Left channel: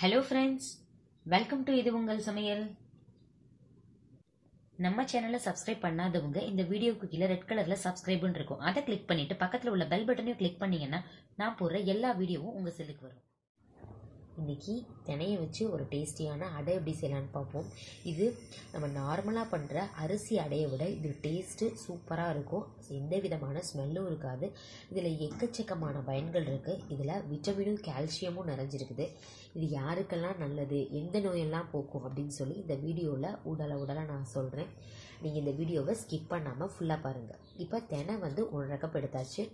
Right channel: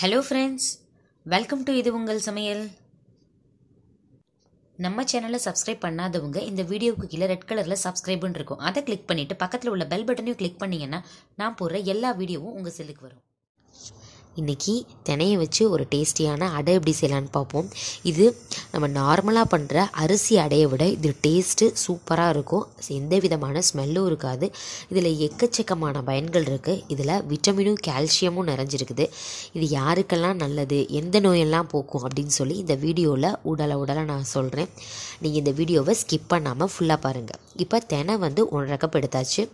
Hello friends welcome to இது உங்கள் சமையல். நம்ம சேனலை சப்ஸ்கிரைப் பண்ணாதவங்க இந்த வீடியோவுக்கு கீழே ரெட் கலரில் சப்ஸ்கிரைப்னு இருக்கும். அதை கிளிக் பண்ணிவிட்டு பக்கத்தில் உள்ள பெல் பட்டனையும் கிளிக் பண்ணிங்கன்னா நான் போடுற எல்லா வீடியோவும் உங்கள் செல்லுக்கு வரும். இன்றைக்கி தினையை வச்சு ஒரு டேஸ்டியான அடை எப்படி செய்யலான்னு பார்ப்போம். இது நம்ம நார்மலாக பண்ணுற அரிசி அடையை விட இது டேஸ்ட்டு சூப்பராக இருக்கும். எந்த விதமான ஸ்மெல்லும் இருக்காது. இதில் எக்கச்சக்கமான பயன்கள் இருக்குது இதில் விட்டமினும் கால்சியமும் நிறைஞ்சிருக்குது. இது யாருக்கெல்லாம் நல்லது எந்த நோயெல்லாம் போக்கும் அப்படின்னு சொல்லி இந்த வீடியோவில் உடலை உடலை நான் சொல்கிறேன் நீங்கள் இந்த வீடியோவை ஸ்கிப் பண்ணாமல் ஃபுல்லாக பாருங்கள் இப்போ தினை வந்து ஒன்றரை கப் எடுத்தாச்சு.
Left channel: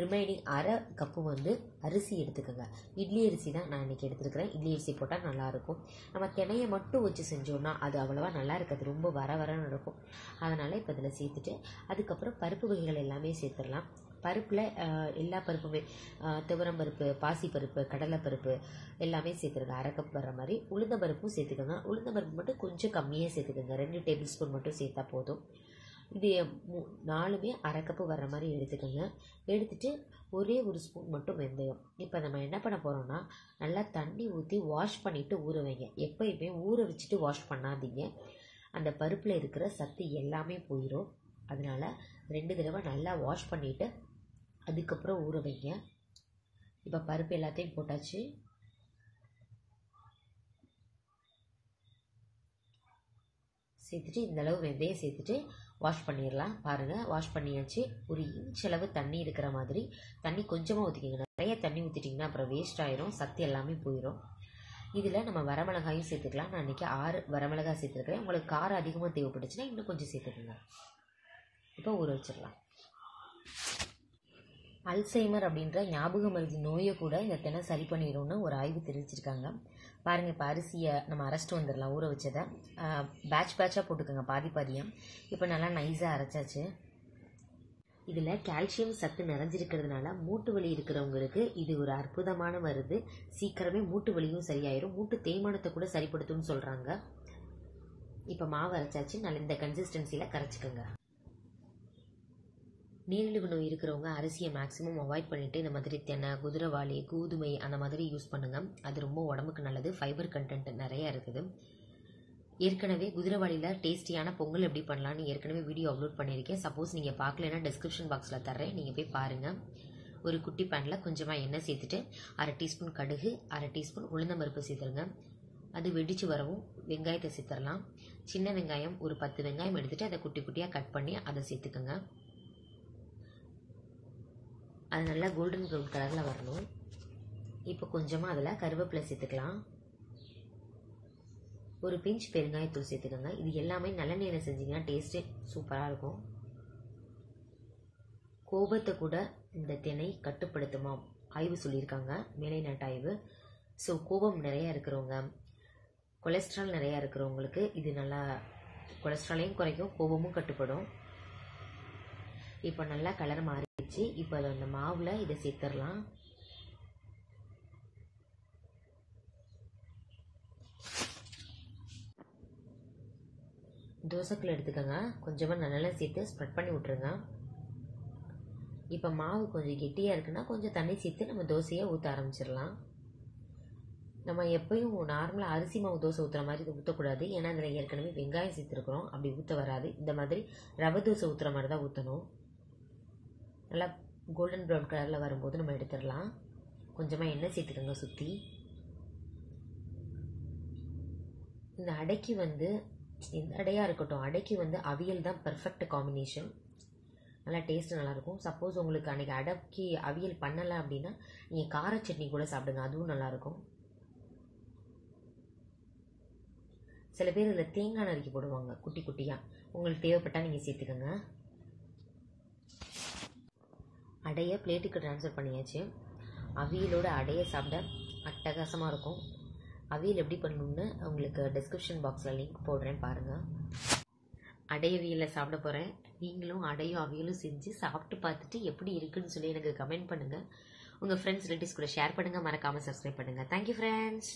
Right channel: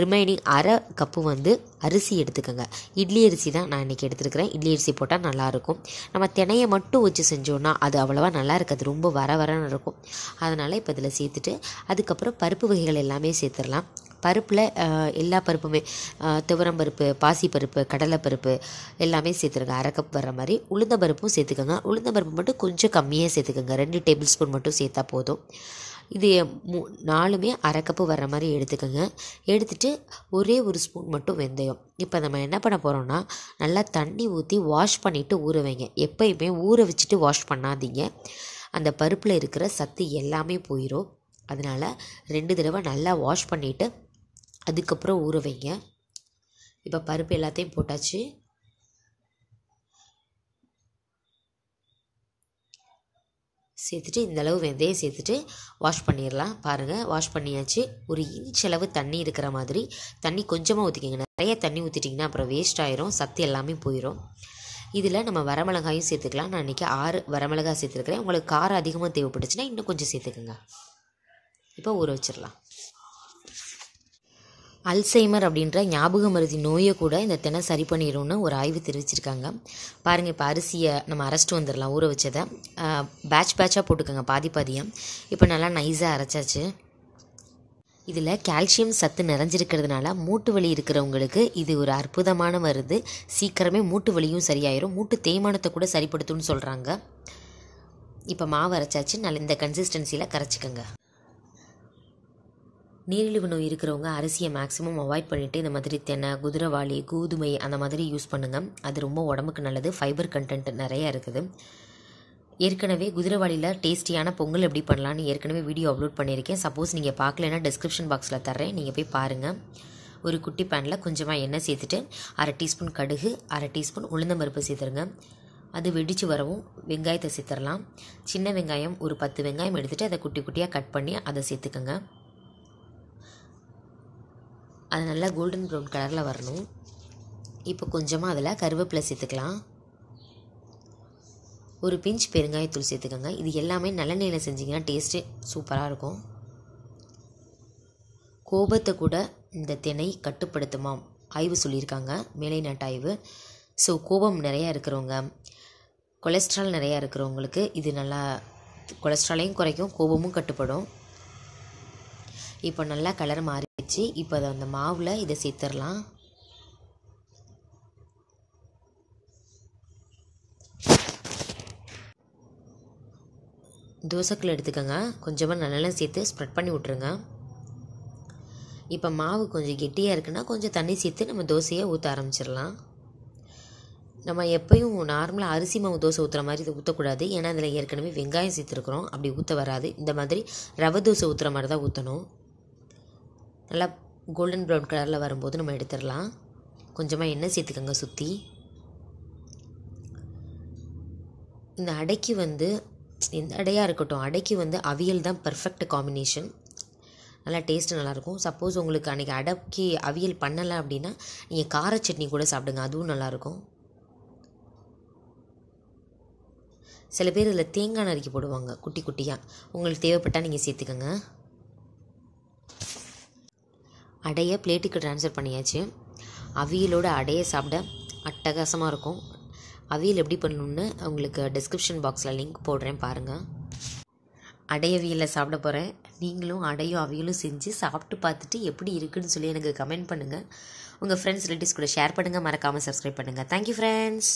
ரிமைனிங் அரை கப்பு வந்து அரிசி எடுத்துக்கோங்க. இட்லி அரிசி தான் நான் இன்றைக்கி எடுத்துருக்கிறேன். இட்லி அரிசி போட்டால் நல்லாயிருக்கும். நம்ம தினையை மட்டும் வச்சு செஞ்சோன்னா அது அவ்வளோவா நல்லா இருக்காது. ரொம்ப வர வரன்னு இருக்கும். அதனால் இப்போ இதில் சேர்த்துட்டு அதுக்கப்புறம் பருப்பு வகைகள் எல்லாமே சேர்த்துடலாம். பருப்பில் எல்லா பருப்புமே துவரம் பருப்பு பாசிப்பருப்பு கடலைப்பருப்பு எல்லாமே சேர்த்துருங்க. அரை கப் வர மாதிரி. உளுந்த பருப்பும் சேர்த்துக்கோங்க. உளுந்த பருப்பு மட்டும் கொஞ்சம் கம்மியாக சேர்த்துக்கோங்க. ரெண்டு டேபிள் ஸ்பூன் மட்டும் சேர்த்தா போதும். இது மூ நாலுமே அரை கப்பு வர்ற மாதிரி எடுத்துக்கோங்க. எடுத்துகிட்டு ஒரே ஒரு ஸ்பூன் மட்டும் வெந்தயம். இப்போ நம்ம என்ன பண்ண போகிறோம்னா நல்லா தண்ணி ஊற்றி வாஷ் பண்ணிவிட்டு ஊற வைங்க. எப்பயுமே ஊற வச்சுட்டு வாஷ் பண்ணாதீங்க. அந்த பருப்பில் இருக்கிற சத்து எல்லாமே போயிடும் அதனால் ரெண்டு தடவை நல்லா வாஷ் பண்ணிவிட்டு அதுக்கப்புறம் ஊற வைங்க. இப்போ பருப்பு எல்லாத்தையும் போட்டாச்சு. சேர்த்துட்டு இந்தளவு வெந்தயம் சேர்த்துட்டு வாஷ் பண்ணிடலாம். பாருங்கள் வாஷ் பண்ணியாச்சு. ஒரு இன்ச் அளவு தண்ணி இருக்கிற மாதிரி. தண்ணி கொஞ்சமாக ஊற்றிக்கிங்க நிறைய தண்ணி ஊற்றிட்டிங்கன்னா அப்புறம் வேஸ்ட் ஆயிரும். சத்து எல்லாமே போயிடும் இதில் நம்ம வரமிளகாயும் சேர்த்துக்கலாம். நான் இன்றைக்கி ஆறு வரமிளகாய் சேர்த்துருக்கிறேன். உங்களுக்கு காரம் அதிகமாக தேவைப்பட்டுச்சுன்னா இன்னும் கொஞ்சம் சேர்த்துக்குங்க. இப்போ ஊற வச்சிடலாம். அல்சைமர் அப்படின்ற ஞாபக மருதி நோயை கூட இந்த தினம் சரி பண்ணிடும்னு ஒரு ஆய்வு தெரிவிச்சிருக்காங்க. பாருங்கள் இப்போ அரிசியை நம்ம அரைச்சிட்டு வந்துடலாம் ஊற வச்சதை. பேட்ச் பேட்சாக போட்டுக்கோங்க பாதி பாதியாக இப்போ நல்லா நைஸாக அரைச்சாச்சு. இதில் கால்சியம் சத்து நிறைஞ்சிருக்கிறதுனால மூட்டு வலி இருக்கிறவங்களுக்கு இது ஒரு அற்புதமான மருந்து. சீக்கிரமே மூட்டு வலியும் சரியாயிரும். மூட்டு தேய்மானத்தை கூட சரிப்படுத்தும்னு சொல்கிறாங்க இப்போ மாவு அரைச்சாச்சு. நல்ல இந்த கன்சிஸ்டன்சியில் கரைச்சிக்கோங்க. நீரிழிவு நோய் இருக்கிறவங்க அரிசியை மேக்ஸிமம் அவாய்ட் பண்ணிவிட்டு இந்த மாதிரி தென்னை குதிரைவாளி கோதுமை அந்த மாதிரி யூஸ் பண்ணுங்கள் அது ரொம்ப உடம்புக்கு நல்லது. ஃபைபர் கண்டென்ட் நிறைய இருக்குது. ஏற்கனவே குதிரவாளியில் டேஸ்டியான பொங்கல் எப்படி பண்ணலான்னு ஏற்கனவே வீடியோ அப்லோட் பண்ணியிருக்கேன். சப்போஸ் நீங்கள் பார்க்கலன்னா டிஸ்கிரிப்ஷன் பாக்ஸில் தர்றேன். நீங்கள் போய் பாருங்கள் ஒரு குட்டி பேனில் கொஞ்சமாக எண்ணெய் சேர்த்துட்டு அரை டீஸ்பூன் கடுகு அரை டீஸ்பூன் உளுந்தம்பருப்பு சேர்த்துருங்க. அது வெடித்து வரவும் வெங்காயத்தை சேர்த்துடலாம் சின்ன வெங்காயம் ஒரு பத்து வெங்காயம் எடுத்துகிட்டு அதை குட்டி குட்டியாக கட் பண்ணி அதை சேர்த்துக்கோங்க. அது நல்லா கோல்டன் ப்ரௌன் கலரில் வரணும். இப்போ கொஞ்சமாக அதில் கருவேப்பிலை சேர்த்துக்கலாம். ஒரு பிஞ்ச் பெருங்காயத்தூள் சேர்த்துக்கோங்க. இது எல்லாமே நல்லெண்ணெயில் செஞ்சிங்கன்னா டேஸ்ட்டு சூப்பராக இருக்கும். கோபத்தை கூட இந்த திணை கட்டுப்படுத்துமாம். ஆய்வு சொல்லியிருக்காங்க. மேலை நாட்டு ஸோ கோபம் நிறையா இருக்கிறவங்க கொலஸ்ட்ரால் நிறையா இருக்கிறவங்களுக்கு இது நல்லா கொலஸ்ட்ராலையும் குறைக்கும் கோபமும் கட்டுப்படும். இப்போ நல்லா கலர் மாறிடுச்சு. இப்போ அதை அந்த மாவில் இதை சேர்த்துடலாம். தோசைக்குள்ள எடுத்துக்கோங்க. கொஞ்சமாக நல்லெல்லாம் சேர்த்து ஸ்ப்ரெட் பண்ணி விட்ருங்க இப்போ மாவு கொஞ்சம் கெட்டியாக இருக்குன்னா கொஞ்சம் தண்ணி சேர்த்து நம்ம தோசையை ஊற்ற ஆரம்பிச்சிடலாம். நம்ம எப்பயும் நார்மலாக அரிசி மாவு தோசை ஊற்றுற மாதிரி இதை ஊற்றக்கூடாது ஏன்னா அதில் ஏற்கனவே வெங்காயம் சேர்த்துருக்குறோம். அப்படி ஊற்ற வராது. இந்த மாதிரி ரவை தோசை ஊற்றுற மாதிரி தான் ஊற்றணும் நல்லா கோல்டன் ப்ரௌன் கலரில் வரும்போது நம்ம எடுத்துடலாம். கொஞ்சமாக எண்ணெய் சேர்த்துக்கோங்க சுற்றி இந்த அடைக்கு வந்து இந்த அடையாக இருக்கட்டும் அடைக்கு வந்து அவியல் தான் பர்ஃபெக்ட் காம்பினேஷன் நல்லா டேஸ்ட்டு நல்லாயிருக்கும். சப்போஸ் உங்களுக்கு அன்றைக்கி அடைக்கு அவியல் பண்ணலை அப்படின்னா நீங்கள் கார சட்னி கூட சாப்பிடுங்க அதுவும் நல்லாயிருக்கும். சில பேர் இதில் தேங்காய் நறுக்கி போடுவாங்க குட்டி குட்டியாக உங்களுக்கு தேவைப்பட்டால் நீங்கள் சேர்த்துக்கோங்க. அடையை பிளேட்டுக்கு ட்ரான்ஸ்ஃபர் பண்ணியாச்சு. அவியலோட அடையை சாப்பிட அட்டகாசமாக இருக்கும். அவியல் எப்படி பண்ணணுன்னு உங்களுக்கு டிஸ்கிரிப்ஷன் பாக்ஸில் லிங்க் போடுறேன் பாருங்கள் அடையவியலில் சாப்பிட போகிறேன் நீங்களும் அடையும் அவியலும் செஞ்சு சாப்பிட்டு பார்த்துட்டு எப்படி இருக்குன்னு சொல்லி எனக்கு கமெண்ட் பண்ணுங்கள் உங்கள் ஃப்ரெண்ட்ஸ் ரிலேட்டிவ்ஸ் கூட ஷேர் பண்ணுங்கள் மறக்காமல் சப்ஸ்கிரைப் பண்ணுங்கள் தேங்க்யூ ஃப்ரெண்ட்ஸ்